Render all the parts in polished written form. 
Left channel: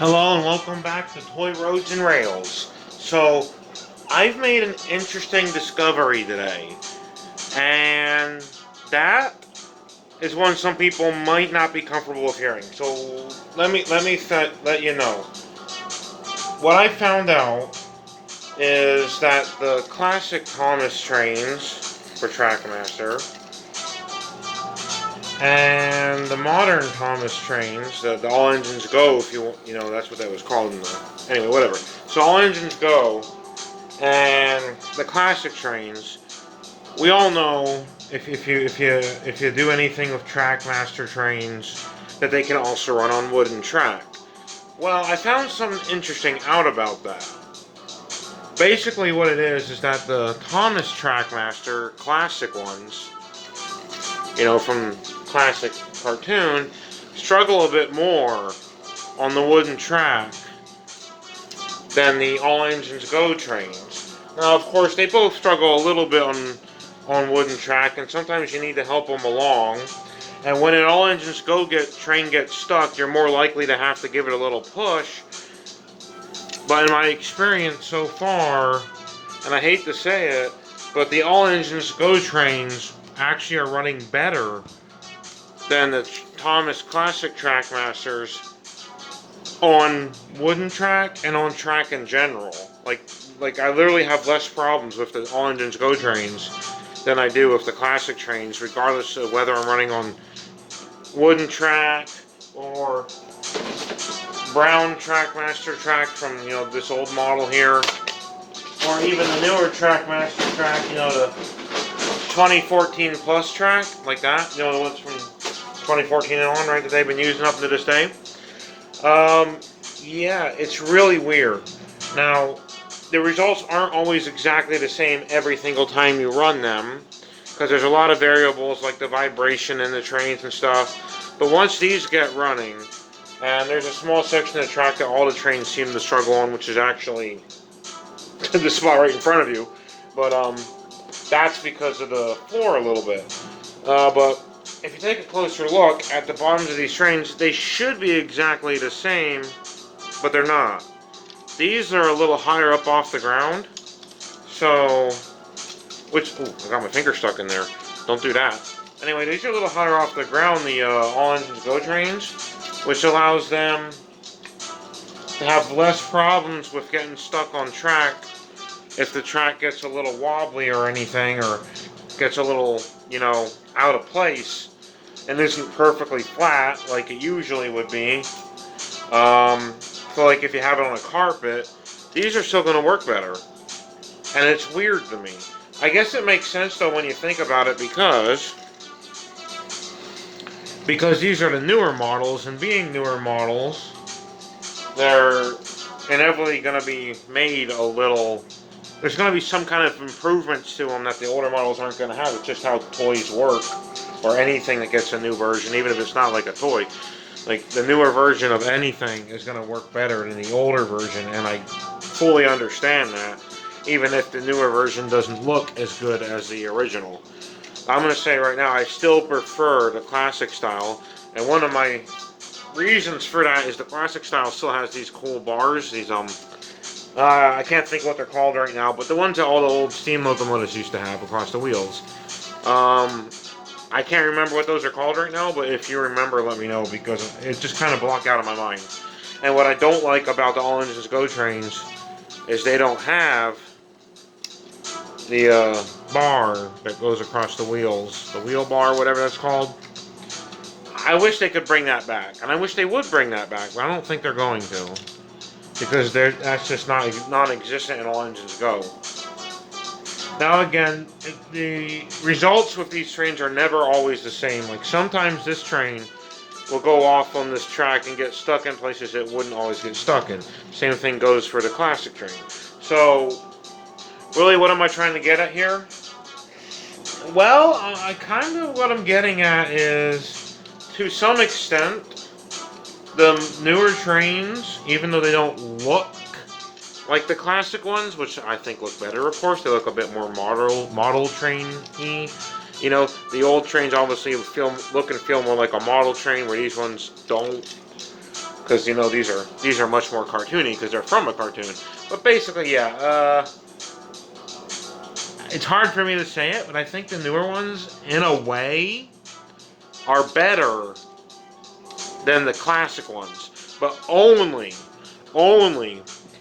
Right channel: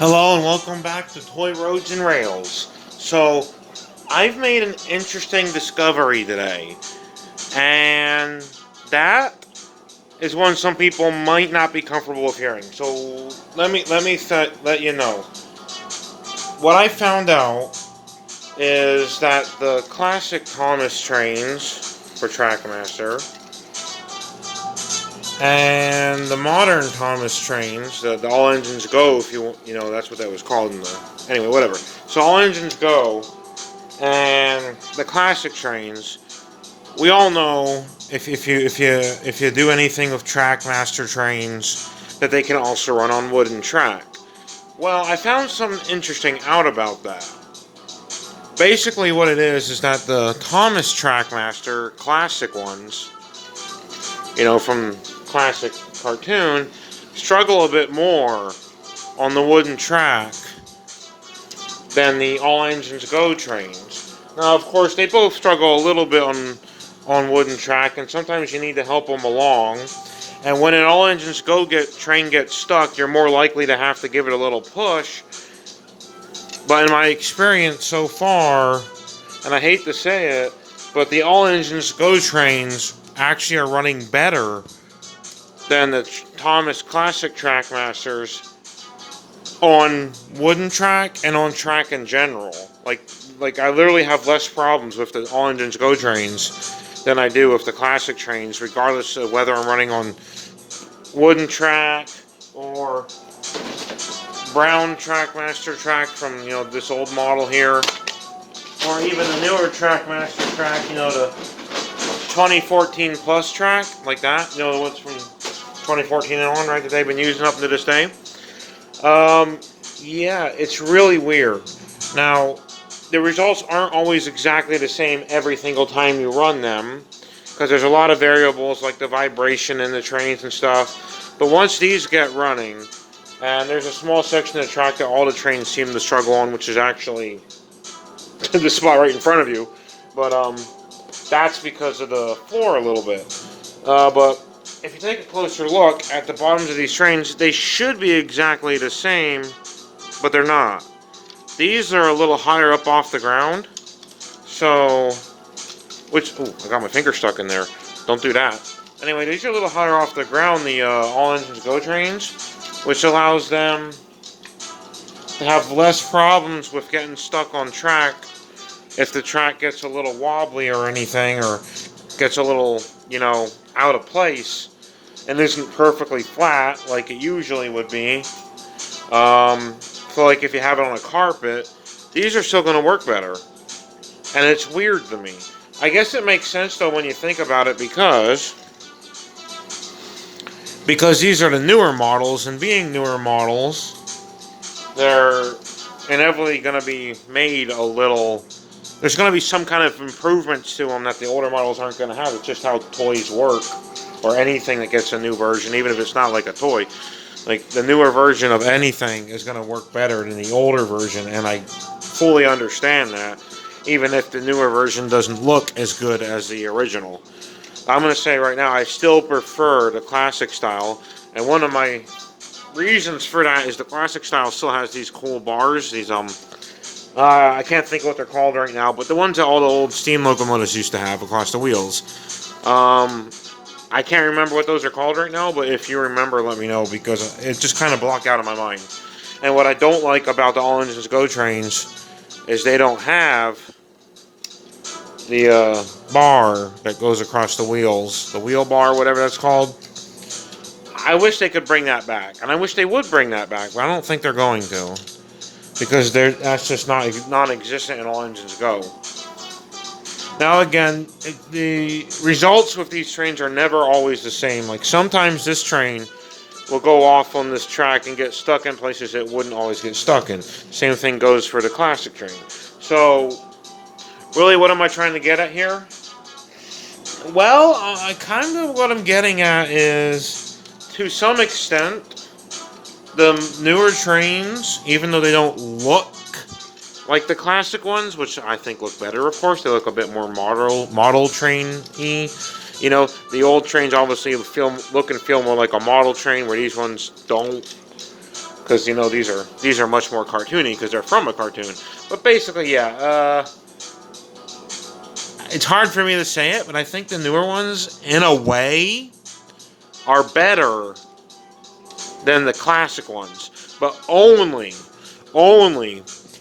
Hello and welcome back to Toy Roads and Rails. So, I've made an interesting discovery today, and that is one some people might not be comfortable with hearing. So, let you know. What I found out is that the classic Thomas trains for Trackmaster and the modern Thomas trains, the all engines go, if you know that's what that was called in the anyway, whatever. So all engines go, and the classic trains. We all know if you do anything with Trackmaster trains that they can also run on wooden track. Well, I found something interesting out about that. Basically, what it is that the Thomas Trackmaster classic ones, from classic cartoon, struggle a bit more on the wooden track than the all engines go trains. Now, of course, they both struggle a little bit on wooden track, and sometimes you need to help them along. And when an all engines go train gets stuck, you're more likely to have to give it a little push. But in my experience so far, and I hate to say it, but the all engines go trains actually are running better than the Thomas Classic Trackmasters on wooden track and on track in general. Like I literally have less problems with the all engines go trains than I do with the classic trains, regardless of whether I'm running on wooden track or brown Trackmaster track from this old model here, or even the newer Trackmaster track, the 2014 plus track like that. What's from 2014 and on, right? That they've been using up to this day. Um, yeah, it's really weird. Now, the results aren't always exactly the same every single time you run them, because there's a lot of variables like the vibration in the trains and stuff. But once these get running, and there's a small section of the track that all the trains seem to struggle on, which is actually the spot right in front of you. But that's because of the floor a little bit. But if you take a closer look at the bottoms of these trains, they should be exactly the same, but they're not. These are a little higher up off the ground, so I got my finger stuck in there. Don't do that. Anyway, these are a little higher off the ground, the all engines go trains, which allows them to have less problems with getting stuck on track if the track gets a little wobbly or anything, or gets a little, out of place and isn't perfectly flat like it usually would be. So, like if you have it on a carpet, these are still going to work better. And it's weird to me. I guess it makes sense though when you think about it because these are the newer models, and being newer models, they're inevitably going to be made a little. There's going to be some kind of improvements to them that the older models aren't going to have. It's just how toys work, or anything that gets a new version, even if it's not like a toy. Like the newer version of anything is going to work better than the older version, and I fully understand that, even if the newer version doesn't look as good as the original. I'm going to say right now, I still prefer the classic style, and one of my reasons for that is the classic style still has these cool bars, these I can't think what they're called right now, but the ones that all the old steam locomotives used to have across the wheels. Um, I can't remember what those are called right now, but if you remember, let me know, because it just kind of blocked out of my mind. And what I don't like about the all engines go trains is they don't have the bar that goes across the wheels, the wheel bar, whatever that's called. I wish they could bring that back, and I wish they would bring that back, but I don't think they're going to, because that's just not non-existent in all engines go. Now again, the results with these trains are never always the same. Like sometimes this train will go off on this track and get stuck in places it wouldn't always get stuck in. Same thing goes for the classic train. So, really, what am I trying to get at here? Well, I kind of what I'm getting at is, to some extent, the newer trains, even though they don't look like the classic ones, which I think look better, of course, they look a bit more model train-y. The old trains obviously look and feel more like a model train, where these ones don't because you know these are much more cartoony because they're from a cartoon. But basically, yeah, it's hard for me to say it, but I think the newer ones, in a way, are better than the classic ones, but only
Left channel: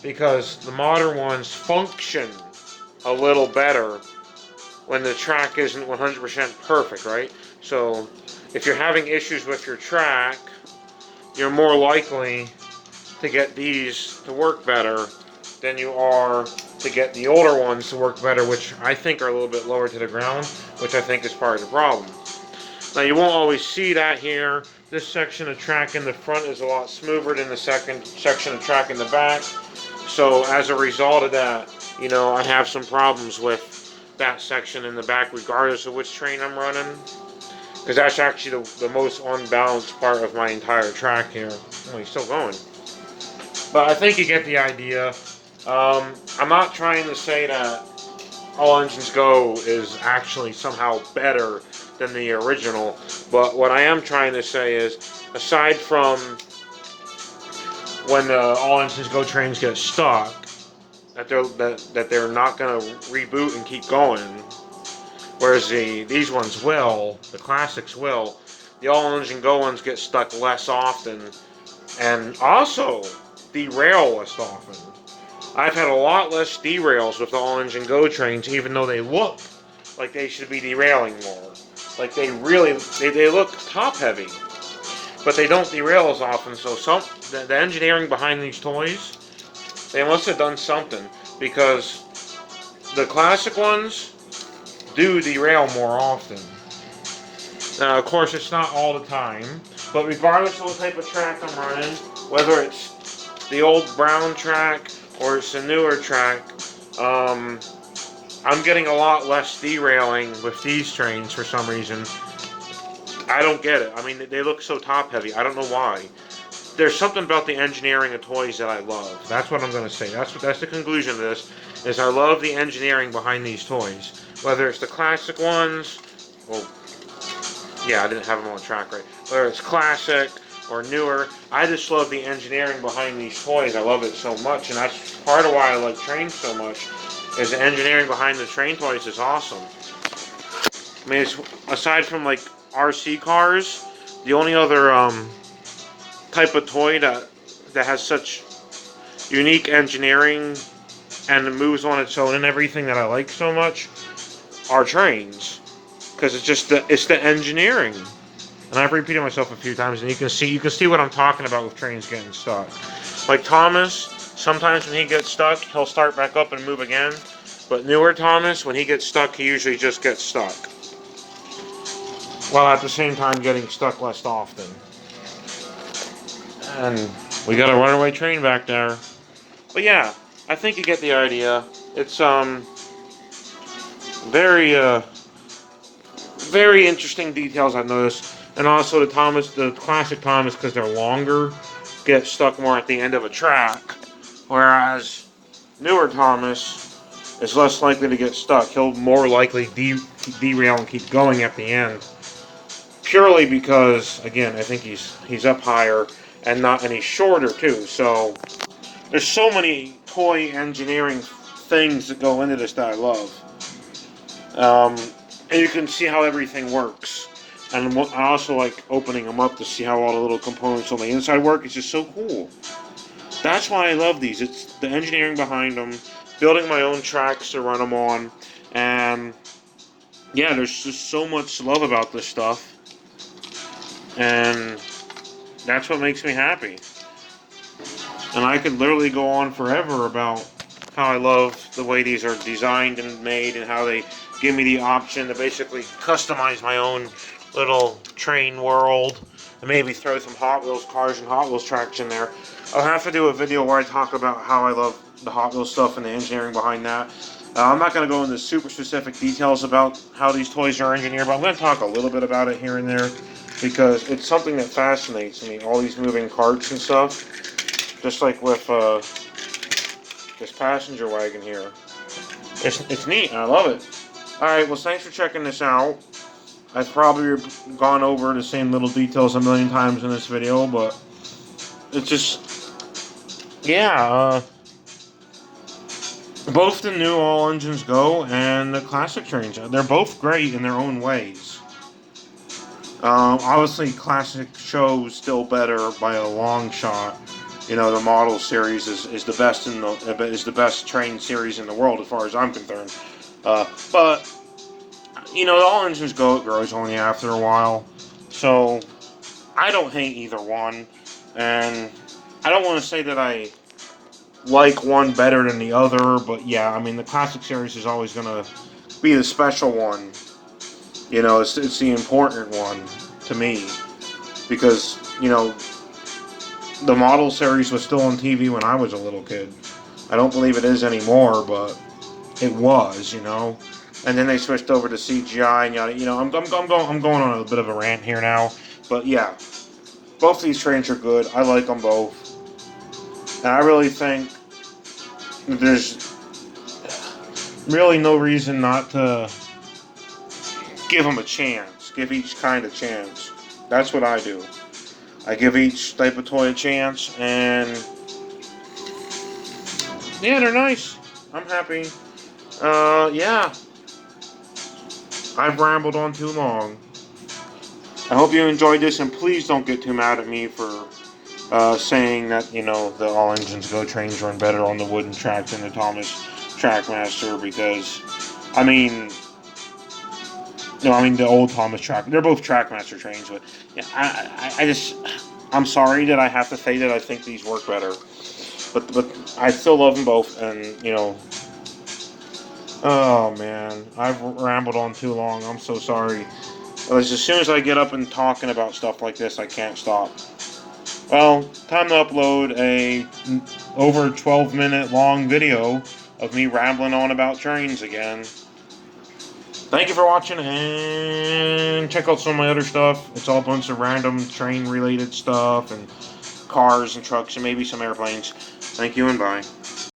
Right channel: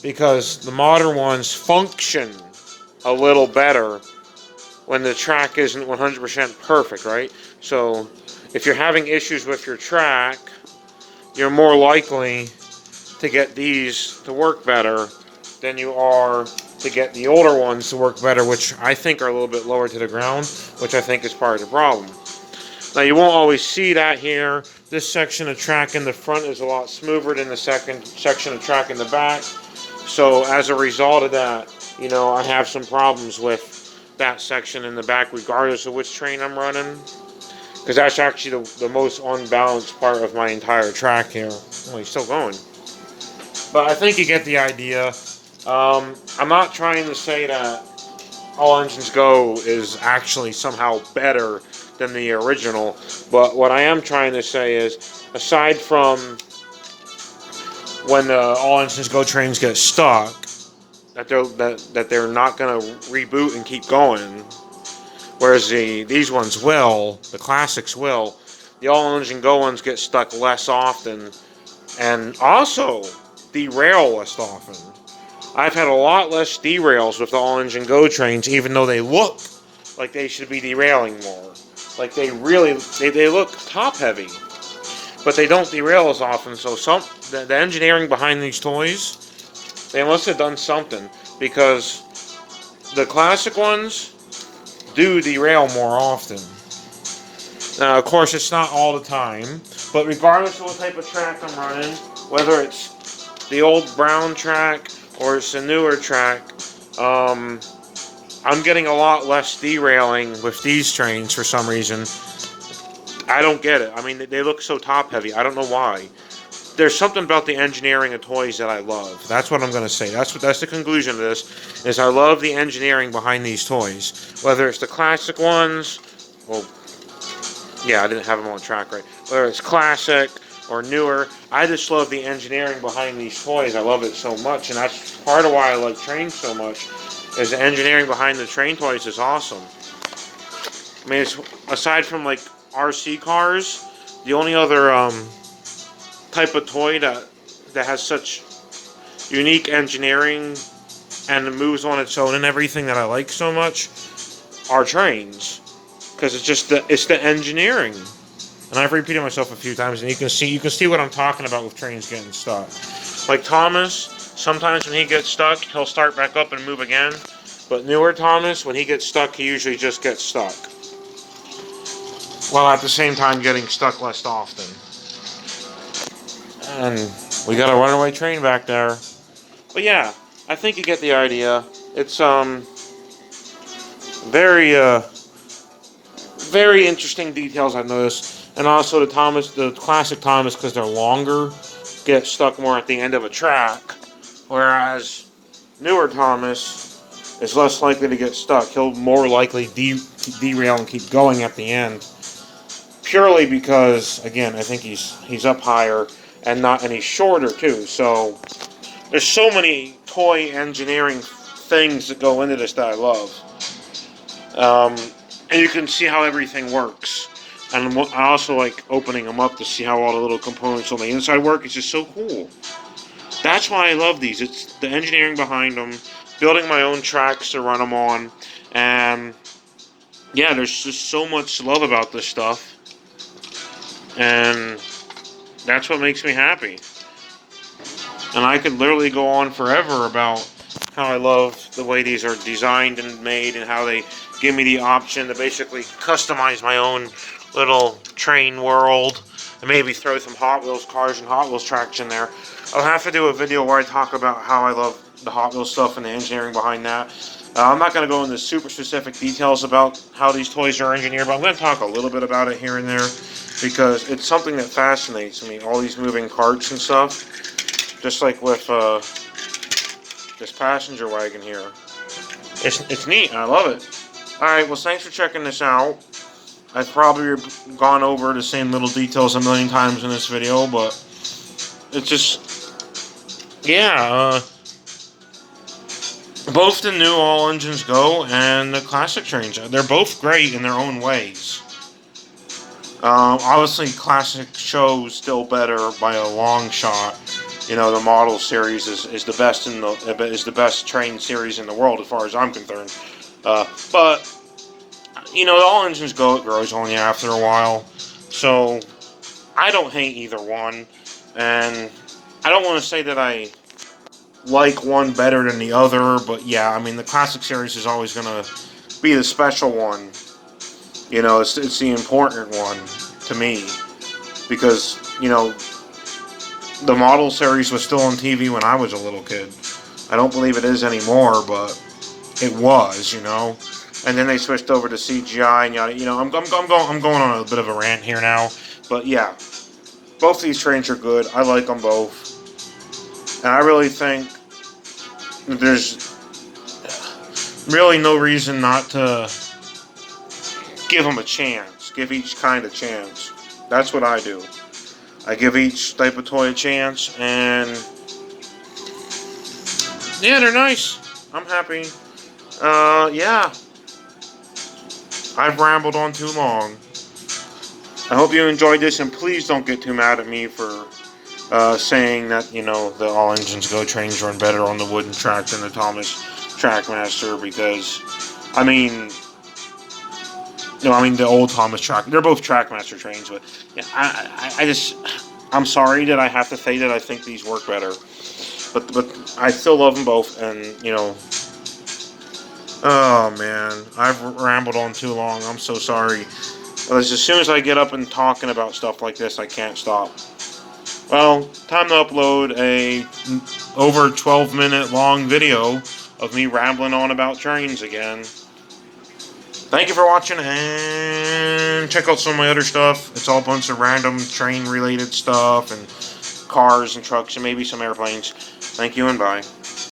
because the modern ones function a little better when the track isn't 100% perfect, right? So if you're having issues with your track, you're more likely to get these to work better than you are to get the older ones to work better, which I think are a little bit lower to the ground, which I think is part of the problem. Now you won't always see that here. This section of track in the front is a lot smoother than the second section of track in the back. So as a result of that, you know, I have some problems with that section in the back regardless of which train I'm running. Because that's actually the most unbalanced part of my entire track here. Oh, he's still going. But I think you get the idea. I'm not trying to say that All Engines Go is actually somehow better than the original, but what I am trying to say is, aside from when the All Engines Go trains get stuck, that they're not going to reboot and keep going, whereas these ones will, the classics will. The All Engine Go ones get stuck less often, and also derail less often. I've had a lot less derails with the all-engine Go trains, even though they look like they should be derailing more. Like they look top-heavy, but they don't derail as often. So the engineering behind these toys, they must have done something, because the classic ones do derail more often. Now, of course, it's not all the time, but regardless of what type of track I'm running, whether it's the old brown track or it's a newer track, I'm getting a lot less derailing with these trains for some reason. I don't get it. I mean, they look so top heavy. I don't know why. There's something about the engineering of toys that I love. That's what I'm going to say. That's the conclusion of this, is I love the engineering behind these toys. Whether it's the classic ones, well, yeah, I didn't have them on track right. Whether it's classic or newer, I just love the engineering behind these toys. I love it so much, and that's part of why I like trains so much, is the engineering behind the train toys is awesome. I mean, aside from like RC cars, the only other type of toy that has such unique engineering and moves on its own and everything that I like so much are trains, because it's the engineering. And I've repeated myself a few times, and you can see what I'm talking about with trains getting stuck. Like Thomas, sometimes when he gets stuck, he'll start back up and move again. But newer Thomas, when he gets stuck, he usually just gets stuck, while at the same time getting stuck less often. And we got a runaway train back there. But yeah, I think you get the idea. It's very very interesting details I've noticed. And also the classic Thomas, because they're longer, get stuck more at the end of a track, whereas newer Thomas is less likely to get stuck. He'll more likely derail and keep going at the end, purely because, again, I think he's up higher and he's shorter too. So there's so many toy engineering things that go into this that I love. And you can see how everything works. And I also like opening them up to see how all the little components on the inside work. It's just so cool. That's why I love these. It's the engineering behind them, building my own tracks to run them on, and yeah, there's just so much love about this stuff, and that's what makes me happy. And I could literally go on forever about how I love the way these are designed and made, and how they give me the option to basically customize my own little train world, and maybe throw some Hot Wheels cars and Hot Wheels tracks in there. I'll have to do a video where I talk about how I love the Hot Wheels stuff and the engineering behind that. I'm not going to go into super specific details about how these toys are engineered, but I'm going to talk a little bit about it here and there, because it's something that fascinates me, all these moving parts and stuff. Just like with this passenger wagon here. It's neat, and I love it. Alright, well, thanks for checking this out. I've probably gone over the same little details a million times in this video, but it's just, yeah, both the new All Engines Go and the classic trains, they're both great in their own ways. Obviously, classic shows still better by a long shot. You know, the model series is the best is the best train series in the world as far as I'm concerned. But you know, the All Engines Go, it grows on you after a while. So I don't hate either one, and I don't want to say that I like one better than the other, but yeah, I mean the classic series is always gonna be the special one. You know, it's the important one to me because you know the model series was still on TV when I was a little kid. I don't believe it is anymore, but it was, you know. And then they switched over to CGI and yada. You know, I'm going on a bit of a rant here now, but yeah, both these trains are good. I like them both, and I really think there's really no reason not to give them a chance. Give each kind a chance. That's what I do. I give each type of toy a chance, and yeah, they're nice. I'm happy. Yeah, I've rambled on too long. I hope you enjoyed this, and please don't get too mad at me for saying that, you know, the All Engines Go trains run better on the wooden track than the Thomas Trackmaster, because, I mean, no, I mean the old Thomas Track. They're both Trackmaster trains, but yeah, I just, I'm sorry that I have to say that I think these work better, but I still love them both, and you know, oh man, I've rambled on too long. I'm so sorry. As soon as I get up and talking about stuff like this, I can't stop. Well, time to upload a over 12-minute long video of me rambling on about trains again. Thank you for watching, and check out some of my other stuff. It's all a bunch of random train-related stuff, and cars and trucks, and maybe some airplanes. Thank you, and bye.